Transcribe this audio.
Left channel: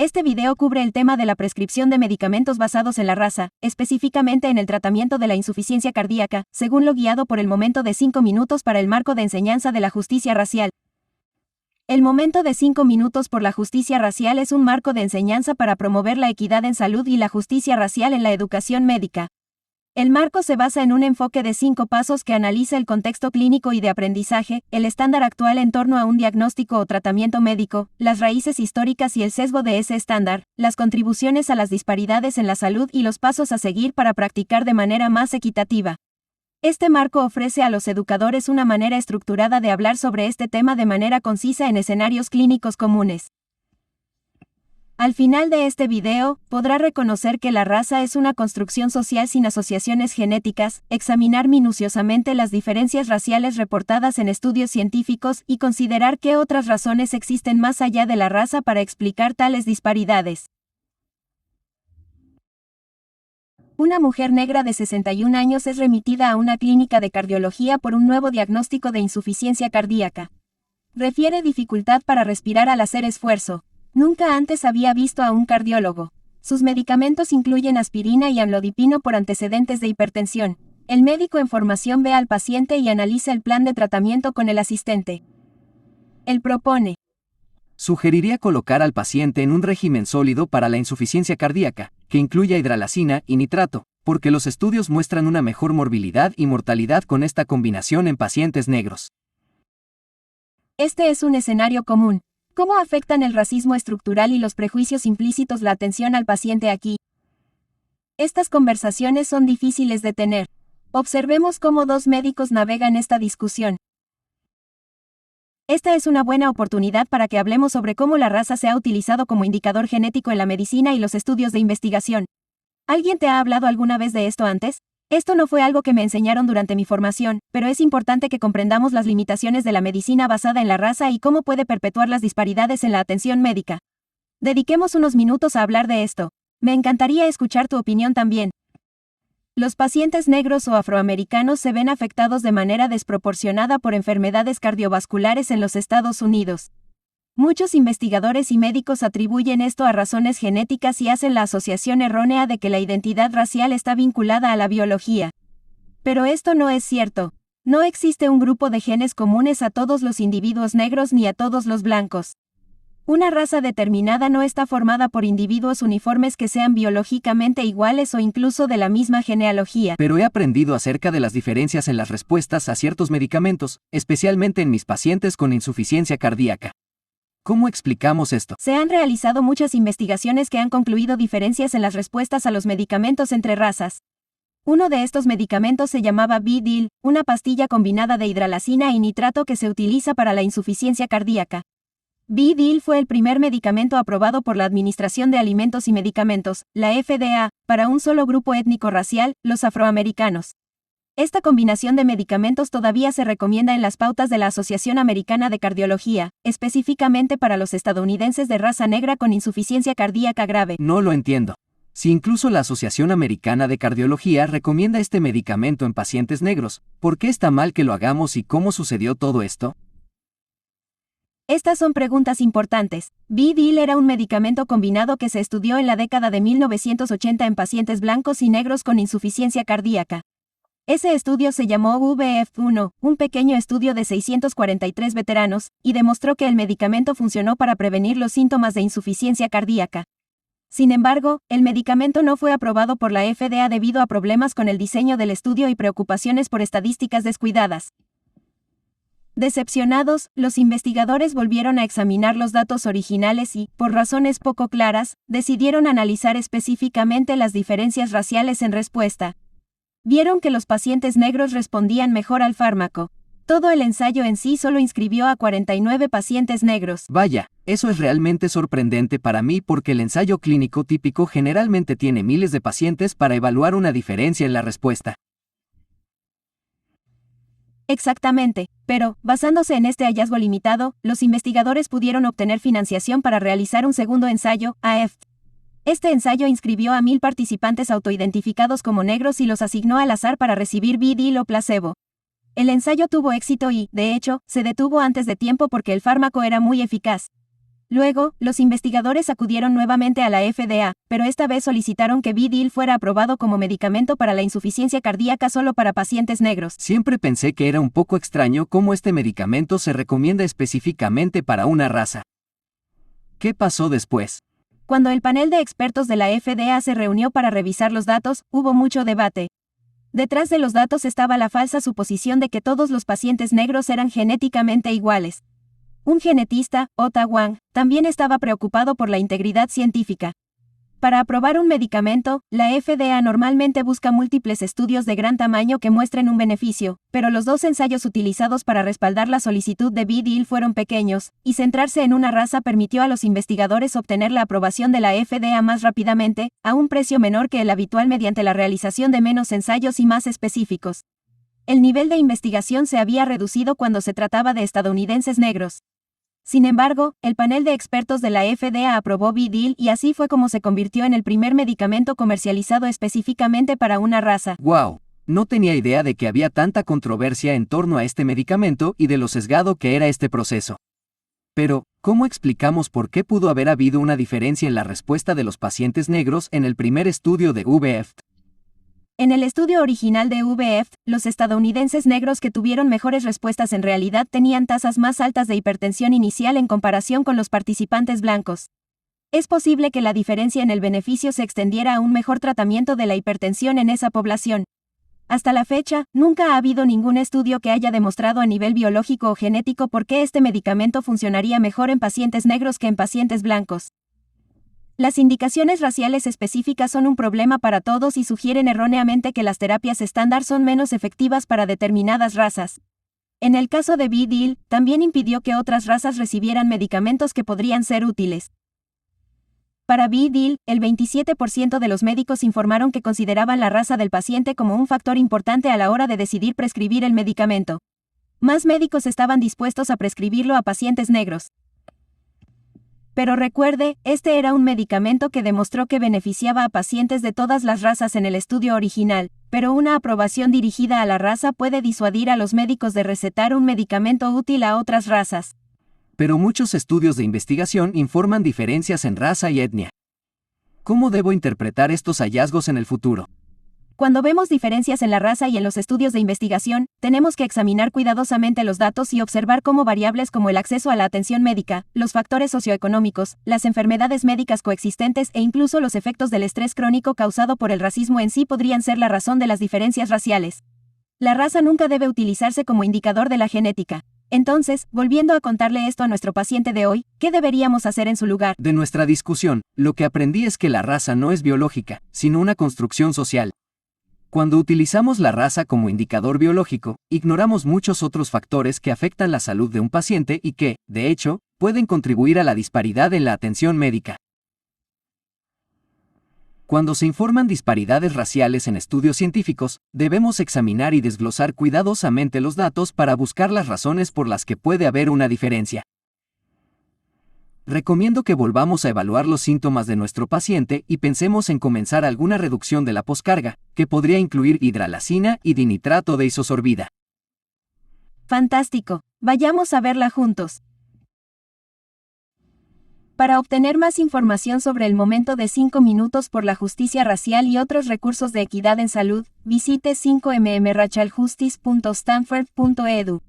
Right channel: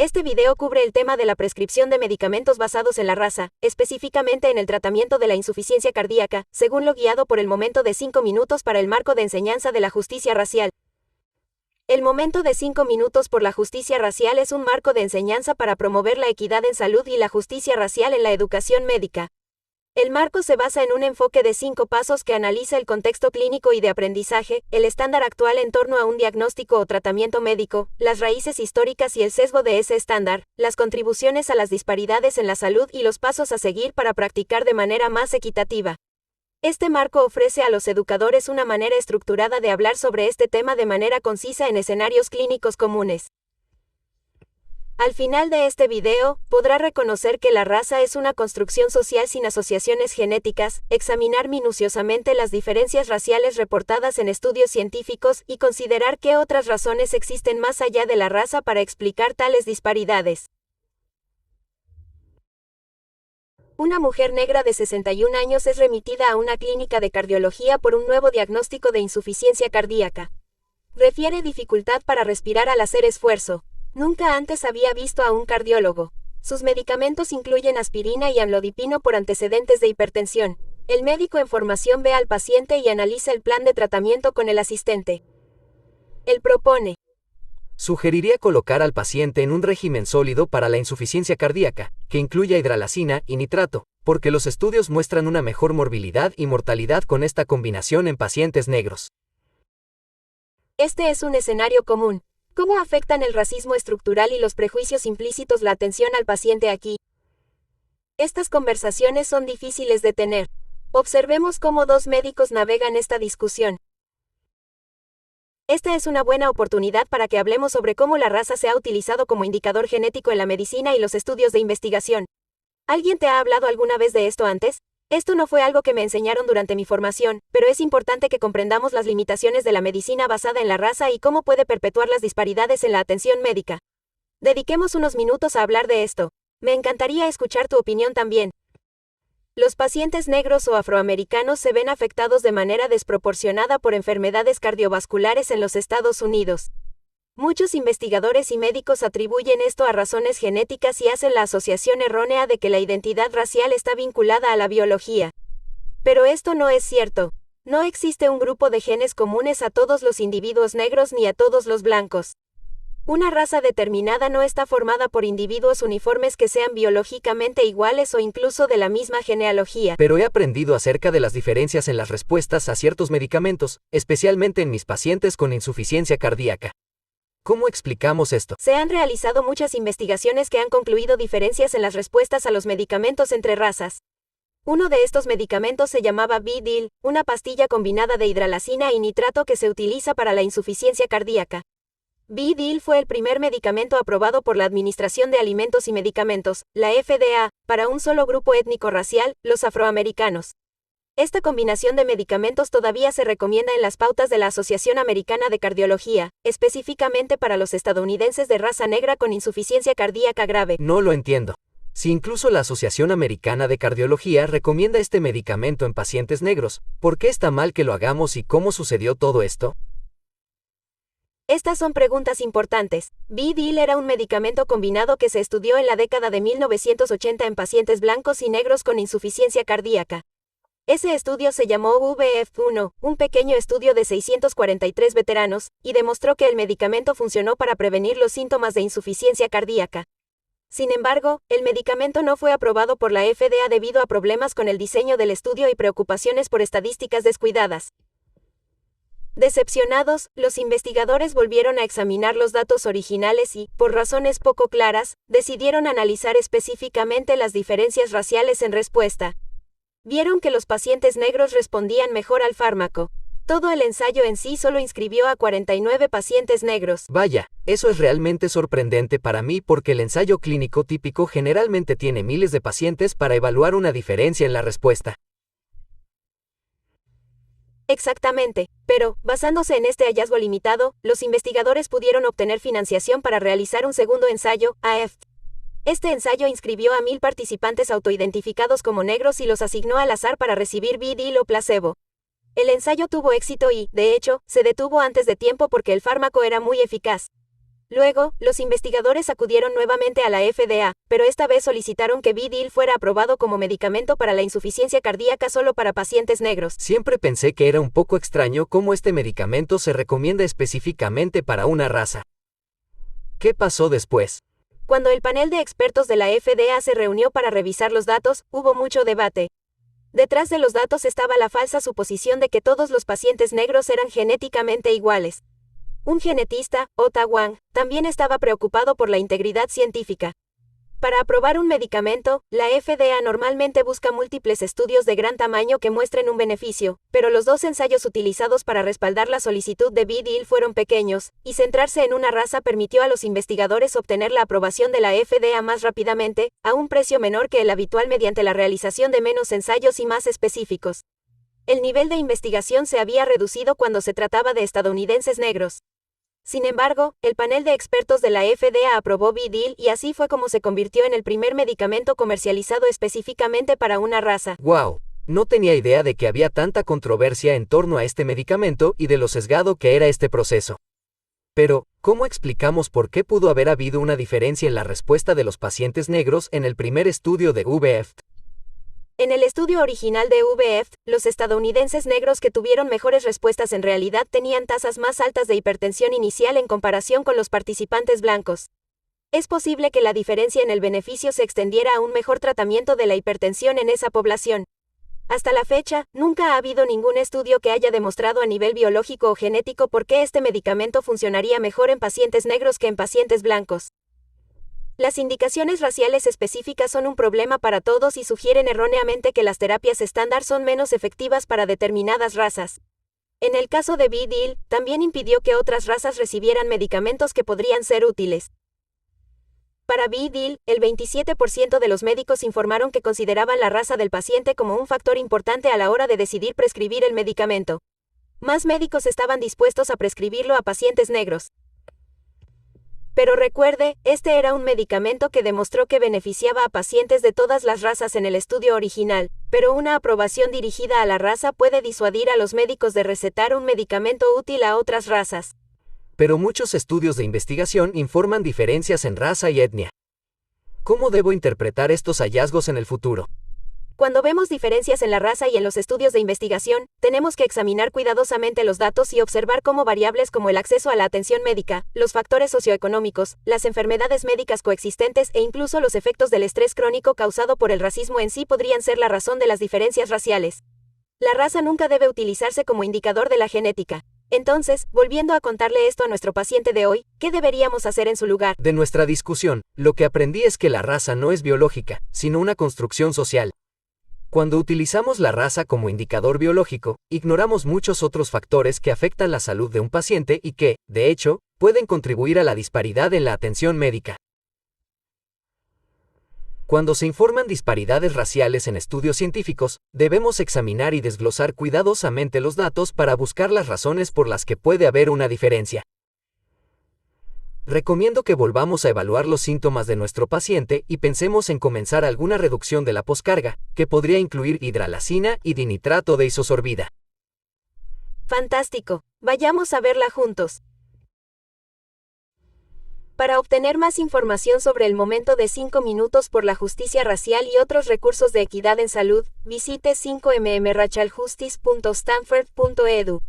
Este video cubre el tema de la prescripción de medicamentos basados en la raza, específicamente en el tratamiento de la insuficiencia cardíaca, según lo guiado por el momento de 5 minutos para el marco de enseñanza de la justicia racial. El momento de 5 minutos por la justicia racial es un marco de enseñanza para promover la equidad en salud y la justicia racial en la educación médica. El marco se basa en un enfoque de 5 pasos que analiza el contexto clínico y de aprendizaje, el estándar actual en torno a un diagnóstico o tratamiento médico, las raíces históricas y el sesgo de ese estándar, las contribuciones a las disparidades en la salud y los pasos a seguir para practicar de manera más equitativa. Este marco ofrece a los educadores una manera estructurada de hablar sobre este tema de manera concisa en escenarios clínicos comunes. Al final de este video, podrá reconocer que la raza es una construcción social sin asociaciones genéticas, examinar minuciosamente las diferencias raciales reportadas en estudios científicos y considerar qué otras razones existen más allá de la raza para explicar tales disparidades. Una mujer negra de 61 años es remitida a una clínica de cardiología por un nuevo diagnóstico de insuficiencia cardíaca. Refiere dificultad para respirar al hacer esfuerzo. Nunca antes había visto a un cardiólogo. Sus medicamentos incluyen aspirina y amlodipino por antecedentes de hipertensión. El médico en formación ve al paciente y analiza el plan de tratamiento con el asistente. Él propone. Sugeriría colocar al paciente en un régimen sólido para la insuficiencia cardíaca, que incluya hidralacina y nitrato, porque los estudios muestran una mejor morbilidad y mortalidad con esta combinación en pacientes negros. Este es un escenario común. ¿Cómo afectan el racismo estructural y los prejuicios implícitos la atención al paciente aquí? Estas conversaciones son difíciles de tener. Observemos cómo 2 médicos navegan esta discusión. Esta es una buena oportunidad para que hablemos sobre cómo la raza se ha utilizado como indicador genético en la medicina y los estudios de investigación. ¿Alguien te ha hablado alguna vez de esto antes? Esto no fue algo que me enseñaron durante mi formación, pero es importante que comprendamos las limitaciones de la medicina basada en la raza y cómo puede perpetuar las disparidades en la atención médica. Dediquemos unos minutos a hablar de esto. Me encantaría escuchar tu opinión también. Los pacientes negros o afroamericanos se ven afectados de manera desproporcionada por enfermedades cardiovasculares en los Estados Unidos. Muchos investigadores y médicos atribuyen esto a razones genéticas y hacen la asociación errónea de que la identidad racial está vinculada a la biología. Pero esto no es cierto. No existe un grupo de genes comunes a todos los individuos negros ni a todos los blancos. Una raza determinada no está formada por individuos uniformes que sean biológicamente iguales o incluso de la misma genealogía. Pero he aprendido acerca de las diferencias en las respuestas a ciertos medicamentos, especialmente en mis pacientes con insuficiencia cardíaca. ¿Cómo explicamos esto? Se han realizado muchas investigaciones que han concluido diferencias en las respuestas a los medicamentos entre razas. Uno de estos medicamentos se llamaba B-Dil, una pastilla combinada de hidralacina y nitrato que se utiliza para la insuficiencia cardíaca. B-Dil fue el primer medicamento aprobado por la Administración de Alimentos y Medicamentos, la FDA, para un solo grupo étnico-racial, los afroamericanos. Esta combinación de medicamentos todavía se recomienda en las pautas de la Asociación Americana de Cardiología, específicamente para los estadounidenses de raza negra con insuficiencia cardíaca grave. No lo entiendo. Si incluso la Asociación Americana de Cardiología recomienda este medicamento en pacientes negros, ¿por qué está mal que lo hagamos y cómo sucedió todo esto? Estas son preguntas importantes. B-Dil era un medicamento combinado que se estudió en la década de 1980 en pacientes blancos y negros con insuficiencia cardíaca. Ese estudio se llamó VF1, un pequeño estudio de 643 veteranos, y demostró que el medicamento funcionó para prevenir los síntomas de insuficiencia cardíaca. Sin embargo, el medicamento no fue aprobado por la FDA debido a problemas con el diseño del estudio y preocupaciones por estadísticas descuidadas. Decepcionados, los investigadores volvieron a examinar los datos originales y, por razones poco claras, decidieron analizar específicamente las diferencias raciales en respuesta. Vieron que los pacientes negros respondían mejor al fármaco. Todo el ensayo en sí solo inscribió a 49 pacientes negros. Vaya, eso es realmente sorprendente para mí porque el ensayo clínico típico generalmente tiene miles de pacientes para evaluar una diferencia en la respuesta. Exactamente, pero, basándose en este hallazgo limitado, los investigadores pudieron obtener financiación para realizar un segundo ensayo, AF. Este ensayo inscribió a 1000 participantes autoidentificados como negros y los asignó al azar para recibir B-Dil o placebo. El ensayo tuvo éxito y, de hecho, se detuvo antes de tiempo porque el fármaco era muy eficaz. Luego, los investigadores acudieron nuevamente a la FDA, pero esta vez solicitaron que B-Deal fuera aprobado como medicamento para la insuficiencia cardíaca solo para pacientes negros. Siempre pensé que era un poco extraño cómo este medicamento se recomienda específicamente para una raza. ¿Qué pasó después? Cuando el panel de expertos de la FDA se reunió para revisar los datos, hubo mucho debate. Detrás de los datos estaba la falsa suposición de que todos los pacientes negros eran genéticamente iguales. Un genetista, Ota Wang, también estaba preocupado por la integridad científica. Para aprobar un medicamento, la FDA normalmente busca múltiples estudios de gran tamaño que muestren un beneficio, pero los 2 ensayos utilizados para respaldar la solicitud de B-Deal fueron pequeños, y centrarse en una raza permitió a los investigadores obtener la aprobación de la FDA más rápidamente, a un precio menor que el habitual mediante la realización de menos ensayos y más específicos. El nivel de investigación se había reducido cuando se trataba de estadounidenses negros. Sin embargo, el panel de expertos de la FDA aprobó B-Deal y así fue como se convirtió en el primer medicamento comercializado específicamente para una raza. ¡Wow! No tenía idea de que había tanta controversia en torno a este medicamento y de lo sesgado que era este proceso. Pero, ¿cómo explicamos por qué pudo haber habido una diferencia en la respuesta de los pacientes negros en el primer estudio de VEFT? En el estudio original de VEFT, los estadounidenses negros que tuvieron mejores respuestas en realidad tenían tasas más altas de hipertensión inicial en comparación con los participantes blancos. Es posible que la diferencia en el beneficio se extendiera a un mejor tratamiento de la hipertensión en esa población. Hasta la fecha, nunca ha habido ningún estudio que haya demostrado a nivel biológico o genético por qué este medicamento funcionaría mejor en pacientes negros que en pacientes blancos. Las indicaciones raciales específicas son un problema para todos y sugieren erróneamente que las terapias estándar son menos efectivas para determinadas razas. En el caso de B-Deal, también impidió que otras razas recibieran medicamentos que podrían ser útiles. Para B-Deal, el 27% de los médicos informaron que consideraban la raza del paciente como un factor importante a la hora de decidir prescribir el medicamento. Más médicos estaban dispuestos a prescribirlo a pacientes negros. Pero recuerde, este era un medicamento que demostró que beneficiaba a pacientes de todas las razas en el estudio original, pero una aprobación dirigida a la raza puede disuadir a los médicos de recetar un medicamento útil a otras razas. Pero muchos estudios de investigación informan diferencias en raza y etnia. ¿Cómo debo interpretar estos hallazgos en el futuro? Cuando vemos diferencias en la raza y en los estudios de investigación, tenemos que examinar cuidadosamente los datos y observar cómo variables como el acceso a la atención médica, los factores socioeconómicos, las enfermedades médicas coexistentes e incluso los efectos del estrés crónico causado por el racismo en sí podrían ser la razón de las diferencias raciales. La raza nunca debe utilizarse como indicador de la genética. Entonces, volviendo a contarle esto a nuestro paciente de hoy, ¿qué deberíamos hacer en su lugar? De nuestra discusión, lo que aprendí es que la raza no es biológica, sino una construcción social. Cuando utilizamos la raza como indicador biológico, ignoramos muchos otros factores que afectan la salud de un paciente y que, de hecho, pueden contribuir a la disparidad en la atención médica. Cuando se informan disparidades raciales en estudios científicos, debemos examinar y desglosar cuidadosamente los datos para buscar las razones por las que puede haber una diferencia. Recomiendo que volvamos a evaluar los síntomas de nuestro paciente y pensemos en comenzar alguna reducción de la poscarga, que podría incluir hidralazina y dinitrato de isosorbida. Fantástico. Vayamos a verla juntos. Para obtener más información sobre el momento de 5 minutos por la justicia racial y otros recursos de equidad en salud, visite 5mmrachaljustice.stanford.edu.